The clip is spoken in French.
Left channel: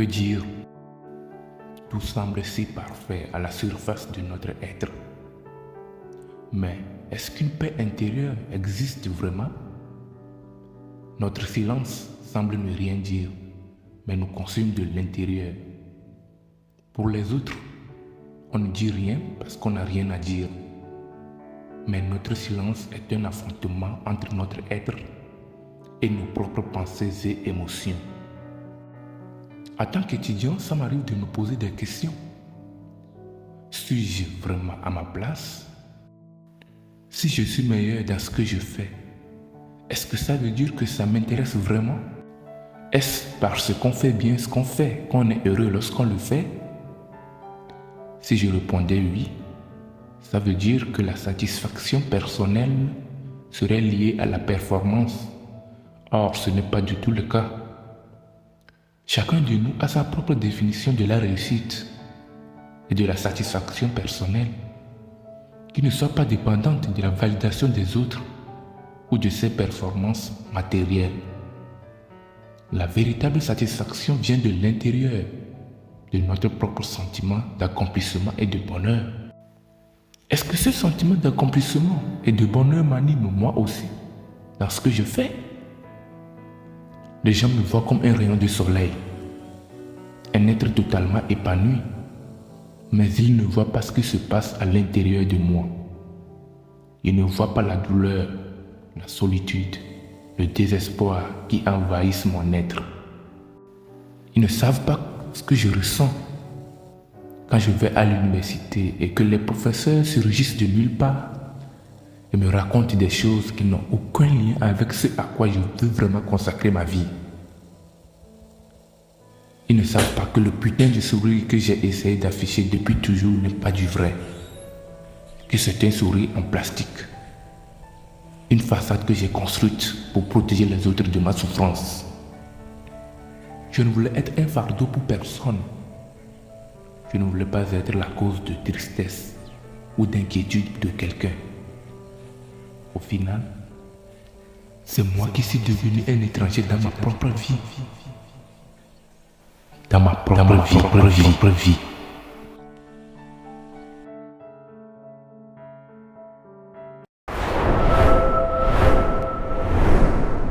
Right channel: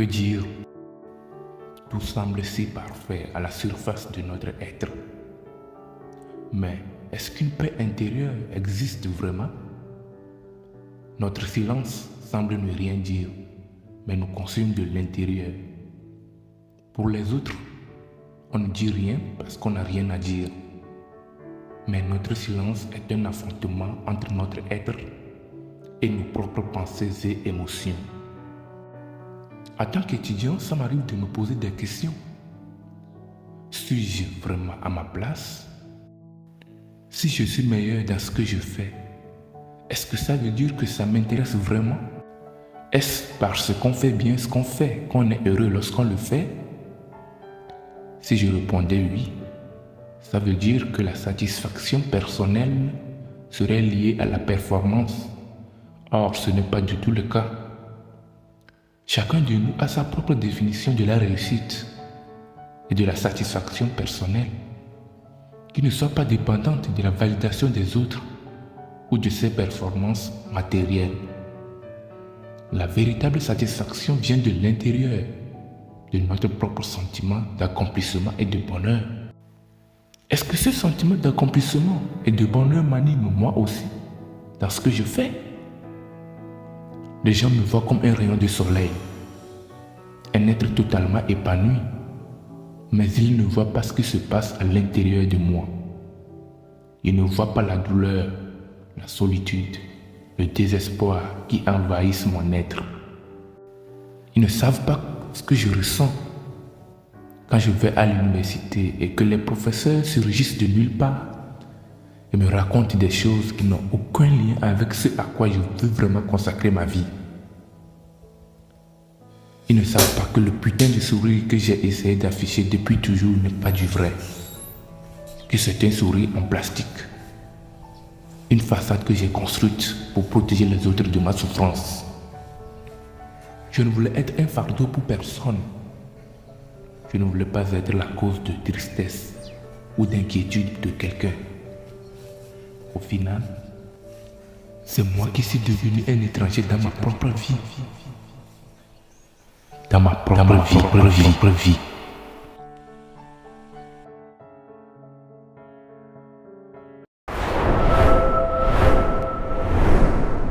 Que dire? Tout semble si parfait à la surface de notre être. Mais est-ce qu'une paix intérieure existe vraiment? Notre silence semble ne rien dire, mais nous consume de l'intérieur. Pour les autres, on ne dit rien parce qu'on n'a rien à dire. Mais notre silence est un affrontement entre notre être et nos propres pensées et émotions. En tant qu'étudiant, ça m'arrive de me poser des questions. Suis-je vraiment à ma place? Si je suis meilleur dans ce que je fais, est-ce que ça veut dire que ça m'intéresse vraiment? Est-ce parce qu'on fait bien ce qu'on fait qu'on est heureux lorsqu'on le fait? Si je répondais oui, ça veut dire que la satisfaction personnelle serait liée à la performance. Or, ce n'est pas du tout le cas. Chacun de nous a sa propre définition de la réussite et de la satisfaction personnelle, qui ne soit pas dépendante de la validation des autres ou de ses performances matérielles. La véritable satisfaction vient de l'intérieur, de notre propre sentiment d'accomplissement et de bonheur. Est-ce que ce sentiment d'accomplissement et de bonheur m'anime moi aussi dans ce que je fais? Les gens me voient comme un rayon de soleil, un être totalement épanoui, mais ils ne voient pas ce qui se passe à l'intérieur de moi. Ils ne voient pas la douleur, la solitude, le désespoir qui envahissent mon être. Ils ne savent pas ce que je ressens quand je vais à l'université et que les professeurs surgissent de nulle part et me racontent des choses qui n'ont aucun lien avec ce à quoi je veux vraiment consacrer ma vie. Ils ne savent pas que le putain de sourire que j'ai essayé d'afficher depuis toujours n'est pas du vrai, que c'est un sourire en plastique, une façade que j'ai construite pour protéger les autres de ma souffrance. Je ne voulais être un fardeau pour personne. Je ne voulais pas être la cause de tristesse ou d'inquiétude de quelqu'un. Au final, c'est moi qui suis devenu un étranger dans ma propre vie. Dans ma propre vie.